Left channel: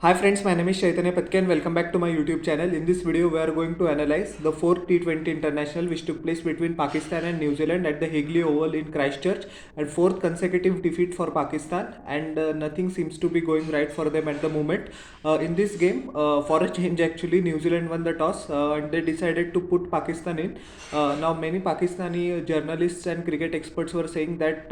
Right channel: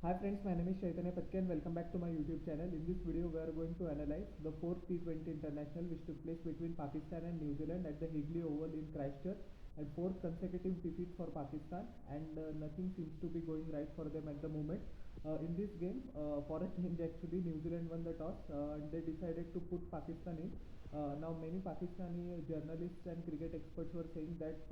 Hi friends, my name is Chaitanya Patke and welcome back to my YouTube channel. In this video, we are going to analyze the fourth T20 International which took place between Pakistan and New Zealand at the Higley Oval in Christchurch, and fourth consecutive defeat for Pakistan, and nothing seems to be going right for them at the moment. In this game, for a change actually, New Zealand won the toss and they decided to put Pakistan in. Now many Pakistani journalists and cricket experts were saying that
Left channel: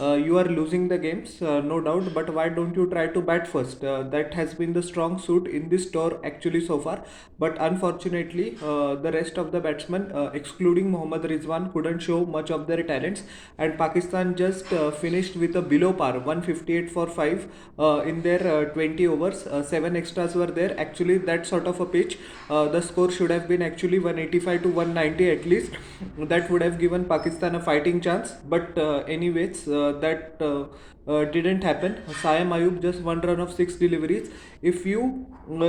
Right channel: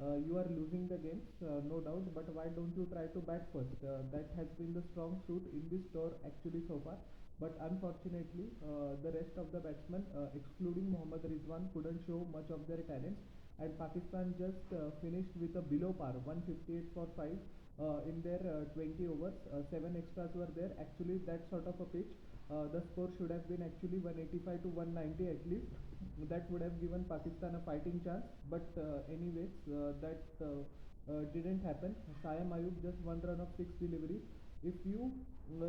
you are losing the games, no doubt, but why don't you try to bat first? That has been the strong suit in this tour actually so far. But unfortunately, the rest of the batsmen, excluding Mohammad Rizwan, couldn't show much of their talents, and Pakistan just finished with a below par 158 for 5 in their 20 overs. 7 extras were there. Actually, that sort of a pitch, the score should have been actually 185 to 190 at least. That would have given Pakistan a fighting chance. But anyways, that didn't happen. Sayam Ayub just one run of 6 deliveries. If you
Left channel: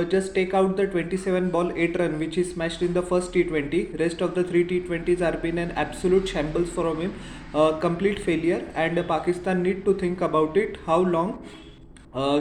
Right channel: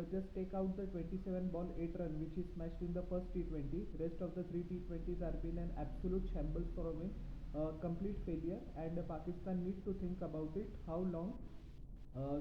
just take out the 27 ball 8 run which is smashed in the first T20, rest of the 3 T20s are been an absolute shambles from him, complete failure, and Pakistan need to think about it. How long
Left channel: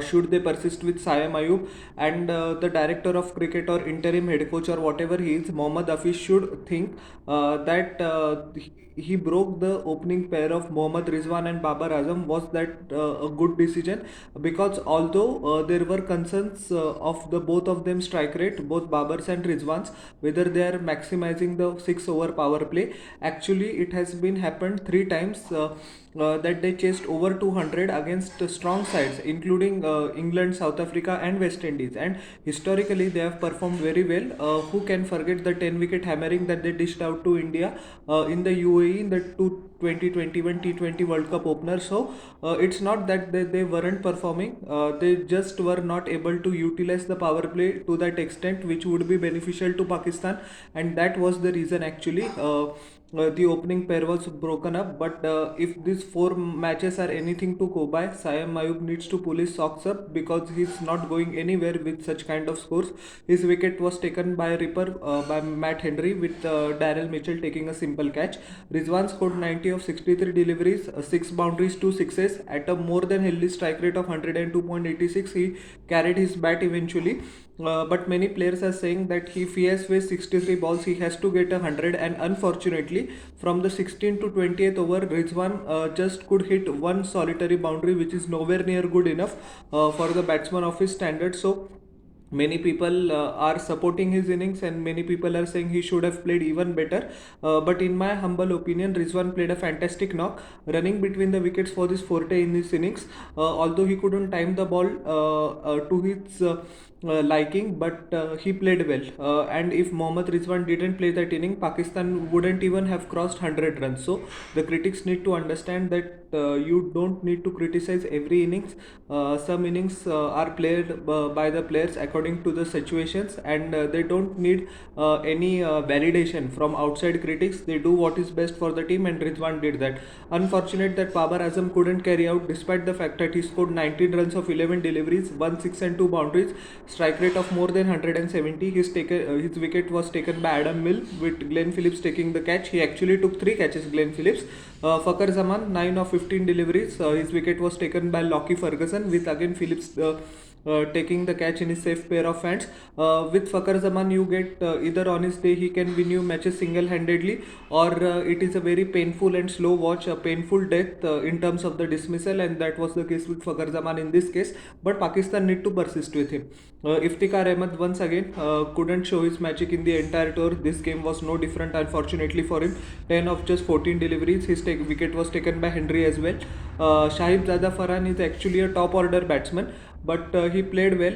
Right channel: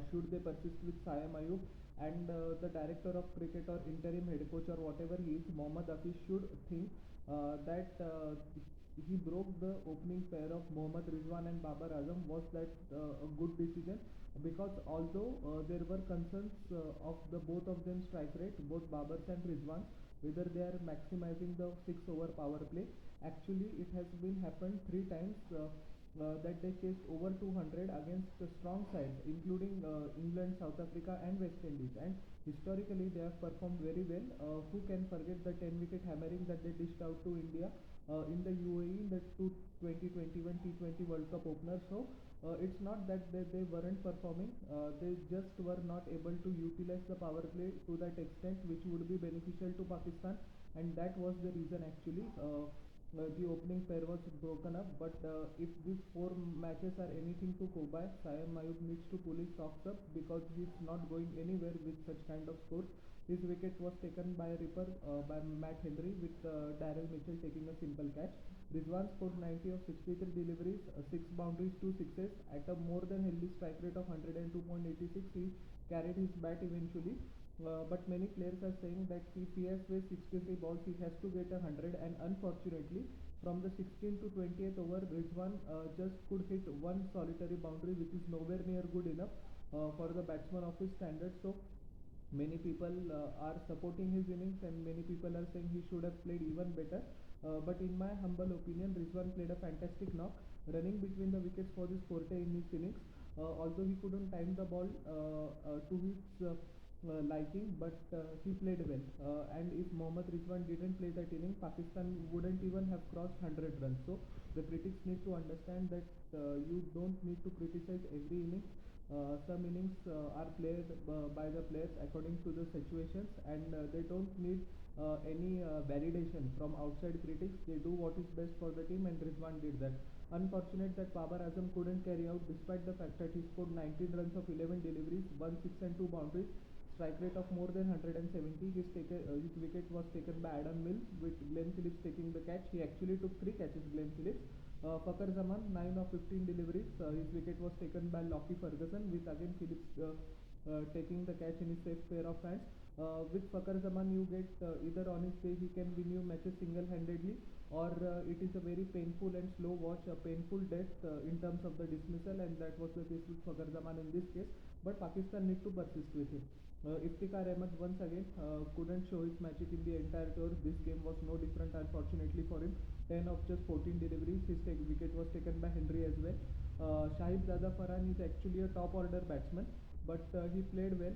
should they persist with Sayam Ayub, and the director of cricket or interim head coach or whatever he is, Mohammad Hafiz, should think that he broke the opening pair of Mohammad Rizwan and Babar Azam. Was that a good decision? Because although there were concerns of the both of them strike rate, both Babars and Rizwans, whether they are maximizing the 6 over power play, actually it has been happened 3 times. That they chased over 200 against strong sides, including England, South Africa, and West Indies. And historically, they have performed very well. Who can forget the 10 wicket hammering that they dished out to India in the UAE in the 2021 T20 World Cup opener? So it's not that they weren't performing, they just were not able to utilize the power play to that extent, which would be beneficial to Pakistan, and that was the reason actually. The opening pair was broken up. But if these 4 matches are anything to go by, Sayam Ayub needs to pull his socks up because he's not going anywhere with such kind of scores. His wicket was taken by Ripper by Matt Henry, with Daryl Mitchell taking a simple catch. Rizwan scored 90 of 63 deliveries, 6 boundaries, 2 sixes at a more than healthy strike rate of 102.86. He carried his bat eventually. But many players are saying that if he has faced 63 balls, he has to get 100. And unfortunately, from the 16th to 20th over, Rizwan just could hit one solitary boundary, which is nowhere near good enough for the batsman of his standard. So many people are supporting his innings, and many people are saying he should have played even better. But in my humble opinion, Rizwan played a fantastic knock, running between the wickets for this forte in this innings. Although he couldn't time the ball to his liking, but he played well. And if Mohammad Rizwan didn't play that inning, Pakistan wouldn't even have crossed 100 runs. So the critics need to understand that you don't need to criticize every innings. Some innings are played by the players according to the situations, and they don't need any validation from outside critics. They do what is best for the team, and Rizwan did that. Unfortunate that Babar Azam couldn't carry out, despite the fact that he scored 19 runs of 11 deliveries, 1 6 and 2 boundaries, strike rate of more than 170. His wicket was taken by Adam Mill, with Glenn Phillips taking the catch. He actually took 3 catches, Glenn Phillips. Fakhar Zaman, 9 of 15 deliveries. His wicket was taken by Lockie Ferguson, with again Phillips taking the catch in his safe pair of hands. With Fakhar Zaman, you get either on his day he can win you matches single handedly, or it is a very painful and slow watch, a painful death in terms of the dismissal, and that was the case with Fakhar Zaman in this case. But Pakistan need to persist with him. Iftikhar Ahmed once again couldn't show his magic in the entire tour. This game was no different, unfortunately for him. 10 of just 14 deliveries. His wicket was taken by Henry as well. Shahib Zada Farhan is actually a top order batsman, but he played well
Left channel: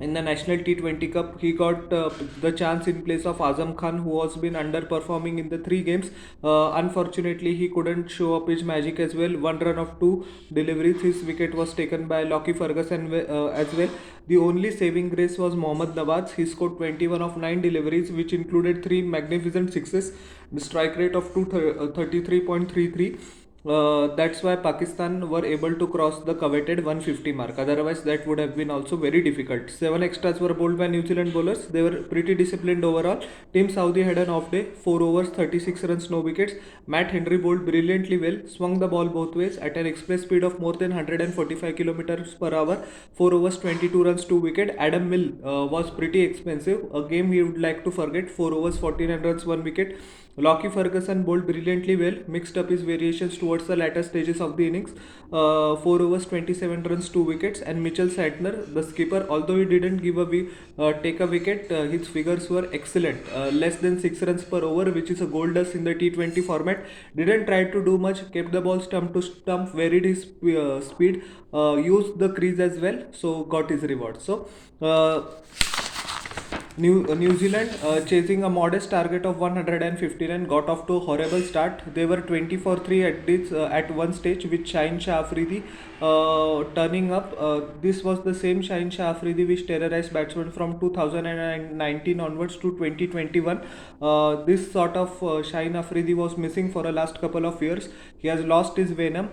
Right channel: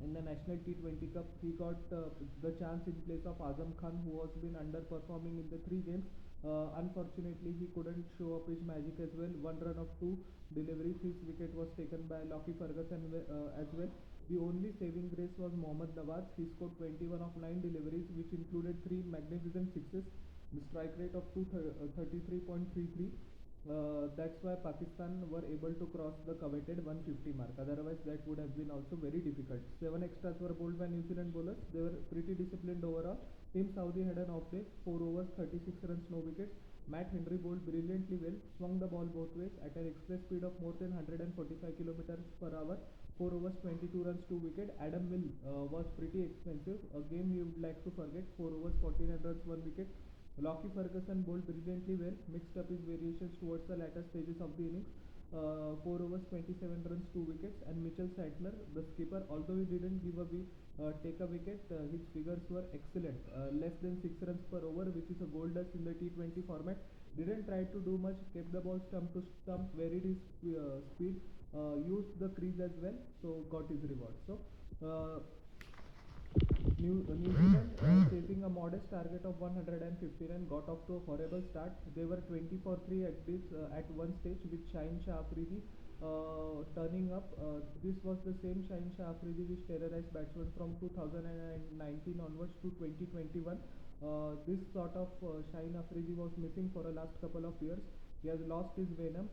in the National T20 Cup. He got the chance in place of Azam Khan, who has been underperforming in the 3 games. Unfortunately, he couldn't show up his magic as well. One run of 2 deliveries. His wicket was taken by Lockie Ferguson as well. The only saving grace was Mohammad Nawaz. He scored 21 of 9 deliveries, which included 3 magnificent sixes. The strike rate of 233.33. That's why Pakistan were able to cross the coveted 150 mark. Otherwise, that would have been also very difficult. 7 extras were bowled by New Zealand bowlers. They were pretty disciplined overall. Team Saudi had an off day. 4 overs, 36 runs, no wickets. Matt Henry bowled brilliantly well, swung the ball both ways at an express speed of more than 145 kilometers per hour. 4 overs, 22 runs, 2 wicket. Adam Mill was pretty expensive. A game we would like to forget. 4 overs, 49 runs, 1 wicket. Lockie Ferguson bowled brilliantly well, mixed up his variations towards the latter stages of the innings. 4 overs, 27 runs, 2 wickets. And Mitchell Santner, the skipper, although he didn't take a wicket, his figures were excellent. Less than 6 runs per over, which is a gold dust in the T20 format. Didn't try to do much, kept the ball stump to stump, varied his speed, used the crease as well, so got his reward. So, New Zealand, chasing a modest target of 159, got off to a horrible start. They were 20 for 3 at one stage with Shaheen Shah Afridi turning up. This was the same Shaheen Shah Afridi which terrorized batsmen from 2019 onwards to 2021. This sort of Shaheen Afridi was missing for a last couple of years. He has lost his venom.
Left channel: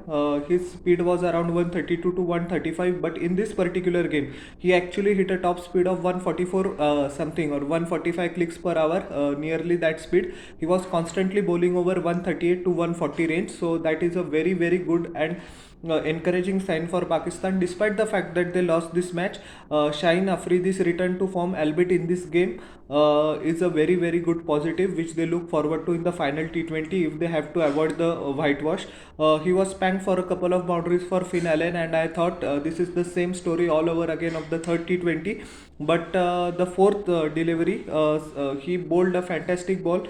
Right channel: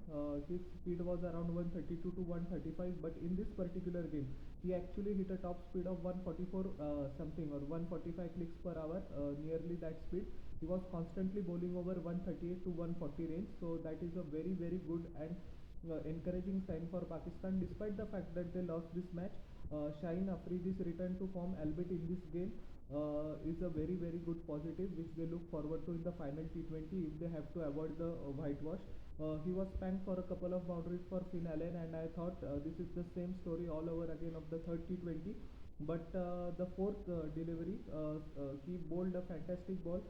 His speed was around 132 to 135, but in this particular game, he actually hit a top speed of 144 something or 145 clicks per hour, nearly that speed. He was constantly bowling over 138 to 140 range, so that is a very good and encouraging sign for Pakistan. Despite the fact that they lost this match, Shaheen Afridi's return to form, albeit in this game, is a very good positive, which they look forward to in the final T20 if they have to avoid the whitewash. He was spanked for a couple of boundaries for Finn Allen, and I thought this is the same story all over again of the third T20. But the fourth delivery, he bowled a fantastic ball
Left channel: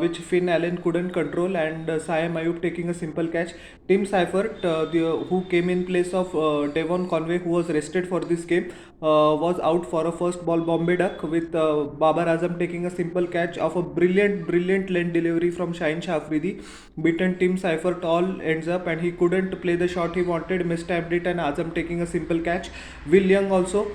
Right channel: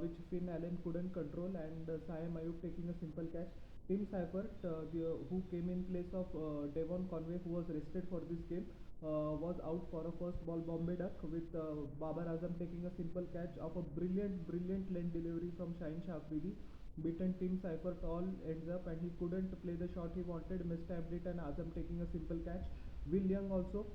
which Finn Allen couldn't control, and Siam Ayub taking a simple catch. Tim Seifert, who came in place of Devon Conway, who was rested for this game, was out for a first ball Bombay duck, with Babar Azam taking a simple catch of a brilliant length delivery from Shaheen Shah Afridi. Beaten Tim Seifert all ends up, and he couldn't play the shot he wanted, mistimed it, and Azam taking a simple catch. Will Young also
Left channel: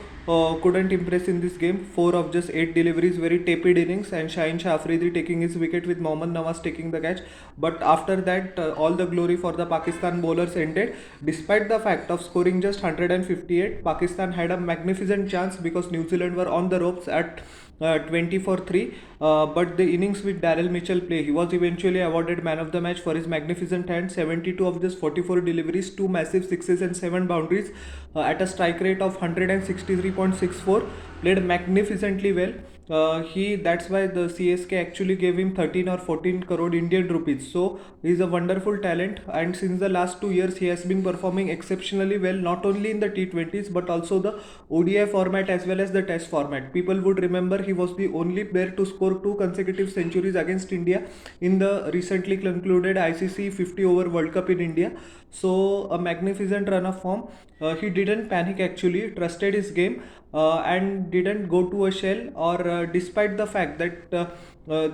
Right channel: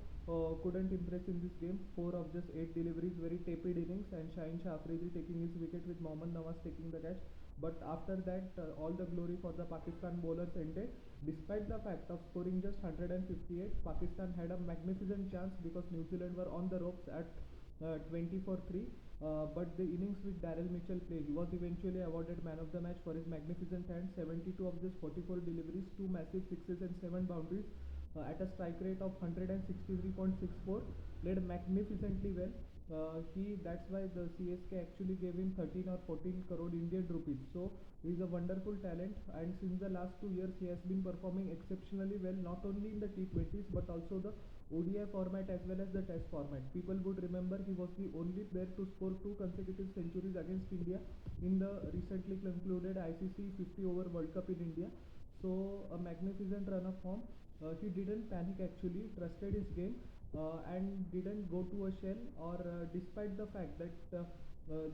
couldn't impress in this game. 4 of just 8 deliveries, very tepid innings, and Shaheen Shah Afridi taking his wicket with Mohammad Nawaz taking the catch. But after that, all the glory for the Pakistan bowlers ended. Despite the fact of scoring just 158, Pakistan had a magnificent chance because New Zealand were on the ropes at 20 for 3. But the innings with Daryl Mitchell play, he was eventually awarded man of the match for his magnificent hand. 72 of just 44 deliveries, 2 massive sixes and 7 boundaries, at a strike rate of 163.64. Played magnificently well. That's why the CSK actually gave him 13 or 14 crore Indian rupees. So he's a wonderful talent, and since the last 2 years he has been performing exceptionally well, not only in the T20s but also the ODI format as well as the Test format. People would remember he was the only player to score 2 consecutive centuries against India in the recently concluded ICC 50 over World Cup in India. So a magnificent run of form. He didn't panic actually, trusted his game, and didn't go to a shell, or despite the fact that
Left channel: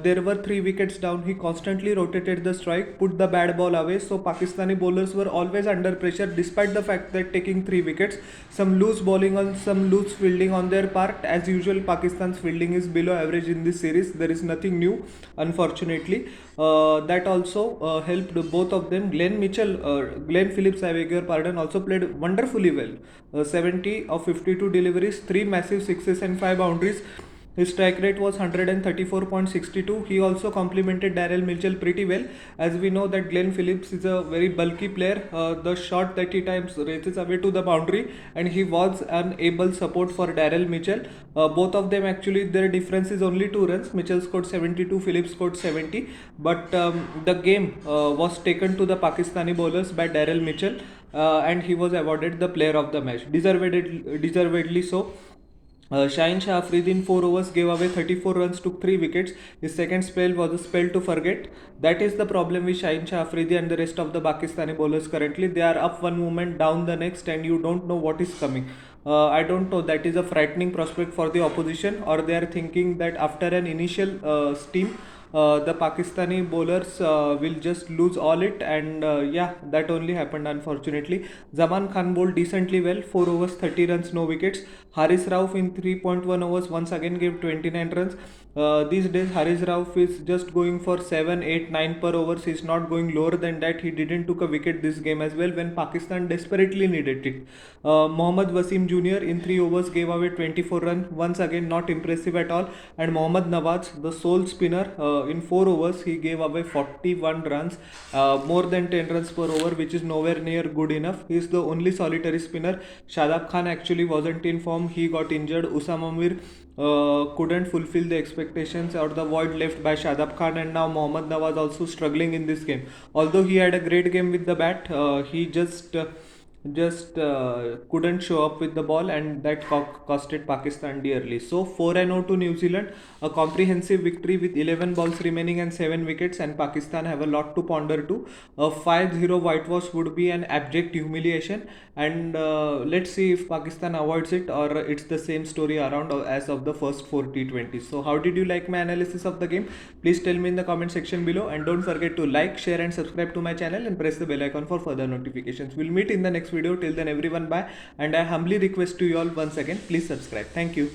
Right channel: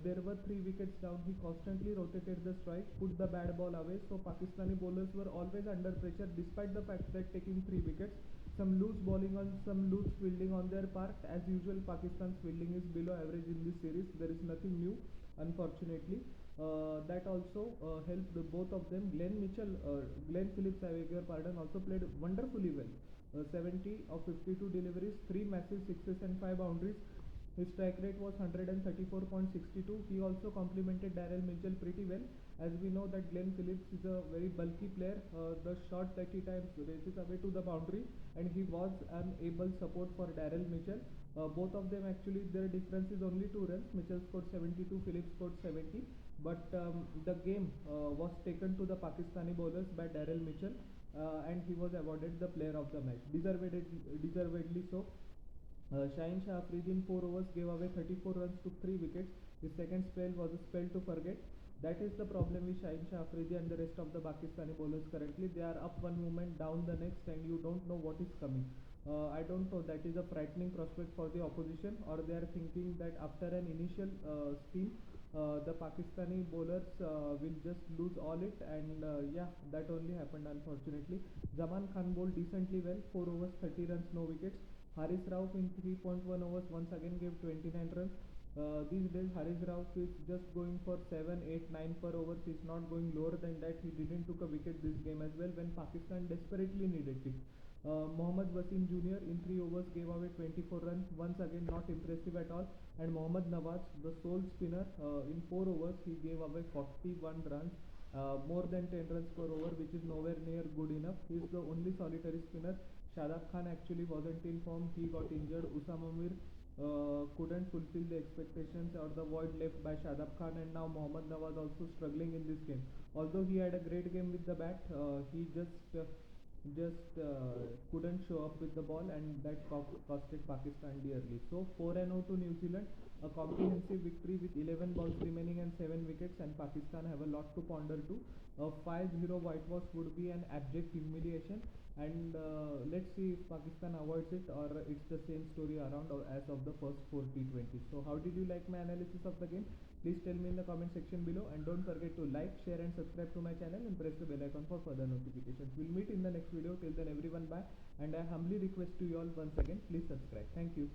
there were 3 wickets down, he constantly rotated the strike, put the bad ball away. So Pakistani bowlers were always under pressure despite the fact that taking 3 wickets. Some loose bowling on some loose fielding on their part. As usual, Pakistan's fielding is below average in this series. There is nothing new, unfortunately. That also helped both of them. Glenn Phillips, I beg your pardon, also played wonderfully well. 70 of 52 deliveries, 3 massive sixes and 5 boundaries. His strike rate was 134.62. He also complemented Daryl Mitchell pretty well. As we know that Glenn Phillips is a very bulky player. The shot that he times races away to the boundary, and he was an able support for Daryl Mitchell. Both of them actually, their difference is only 2 runs. Mitchell scored 72, Phillips scored 70. But the game was taken to the Pakistani bowlers by Daryl Mitchell, and he was awarded the player of the match, deservedly so. Shaheen Shah Afridi in 4 overs gave away 34 runs, took 3 wickets. His second spell was a spell to forget. That is the problem with Shaheen Shah Afridi and the rest of the Pakistani bowlers currently. They are up one moment, down the next, and you don't know what is coming. I don't know, that is a frightening prospect for the opposition, or they are thinking that after an initial steam, the Pakistani bowlers will just lose all it, and yeah, that only happened unfortunately. Zaman Khan bowled decently well, 4 overs, 30 runs, no wickets. Haris Rauf in 3.1 overs once again gave 29 runs. These days, Haris Rauf is just going for 7, 8, 9 per overs. He's not going lower than that. He didn't took a wicket this game as well when Pakistan desperately needed it. Mohammad Wasim Jr. in 3 overs gave away 24 runs. Once again, not impressive at all. And Mohammad Nawaz, the sole spinner, in 4 overs, he gave away 41 runs, more than 10 runs per over, which is nowhere near good enough. He is the only solitary spinner. Shadab Khan actually wasn't in form. He got injured. Usama Mir couldn't fulfill the expectations or the void left by Shadab Khan, and now Mohammad Nawaz also struggling in this game. Although he had a great game with the bat, he just couldn't show up with the ball, and that costed Pakistan dearly. So 4-0 to New Zealand, a comprehensive victory with 11 balls remaining and 7 wickets, and Pakistan have a lot to ponder too. A 5-0 whitewash would be an abject humiliation, and let's see if Pakistan avoids it or it's the same story around as of the first 4 T20s. So how did you like my analysis of the game? Please tell me in the comment section below, and don't forget to like, share and subscribe to my channel and press the bell icon for further notifications. We'll meet in the next video. Till then everyone, bye, and I humbly request to you all once again, please subscribe. Thank you.